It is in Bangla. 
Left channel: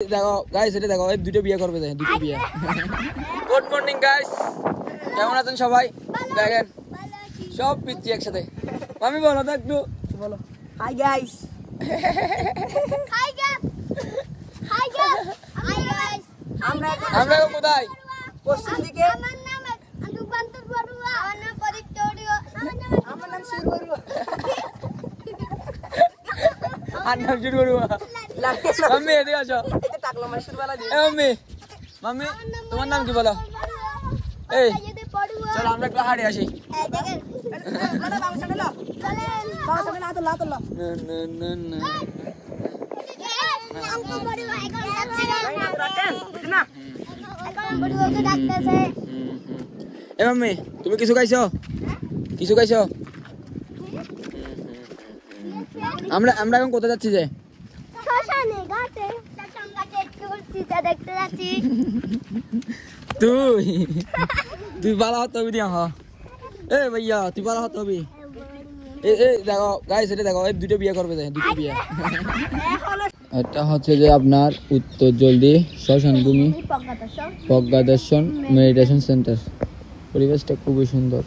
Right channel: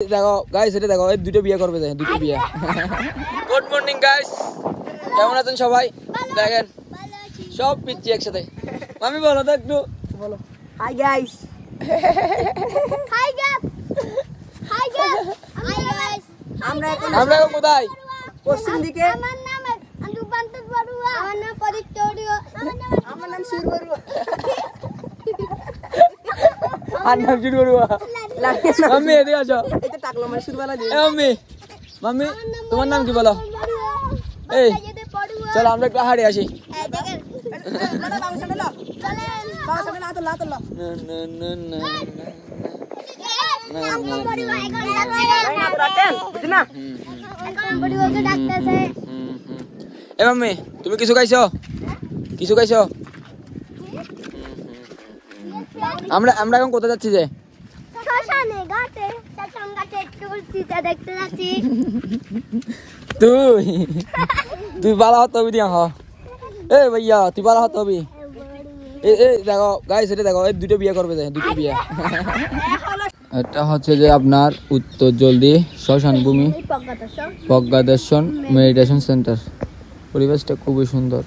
দেখো গাইস, এটা দেখো এই দুটো বিয়ে করবে, দুটো বিয়ে। গুড মর্নিং গাইস, কেমন আছেন সবাই? দেখেন সব পিচ্ছি একসাথে। মামি বলো তো একটু, বলো hi guys. Hi guys, hi guys, hi guys. আমরা কোথায়? পশ্চিম দিকে। আমার নাম আন্দুবান্তর বড়ুয়া, আমার নাম পরিতোরিও, আমার নাম শির বড়ুয়া। আর নাম শির বড়ুয়া। মাম্মি এদিকে আসো। এটা টাকলো মাসুর বালা দিয়ে। মাম্মি, মাম্মি তোমার নাম কি বলো? এই চলো আমরা একটু হাড়ে আসি। এ মাম্মি তুমি কিছু খাইছো? কিছু খাইছো? আমরা এখন কোথায় যাচ্ছি? যে তুই বালা হতো দিয়া। এ ভাইয়া তুই বালা হতো। দেখো গাইস, এটা দেখো এই দুটো বিয়ে করবে, দুটো বিয়ে। এটা হচ্ছে যে আপনার উত্তর জলদি শ্মশান ভূমি, প্রজ্ঞা দর্শন মেডিটেশন সেন্টার। পরিবেশটা খুবই সুন্দর।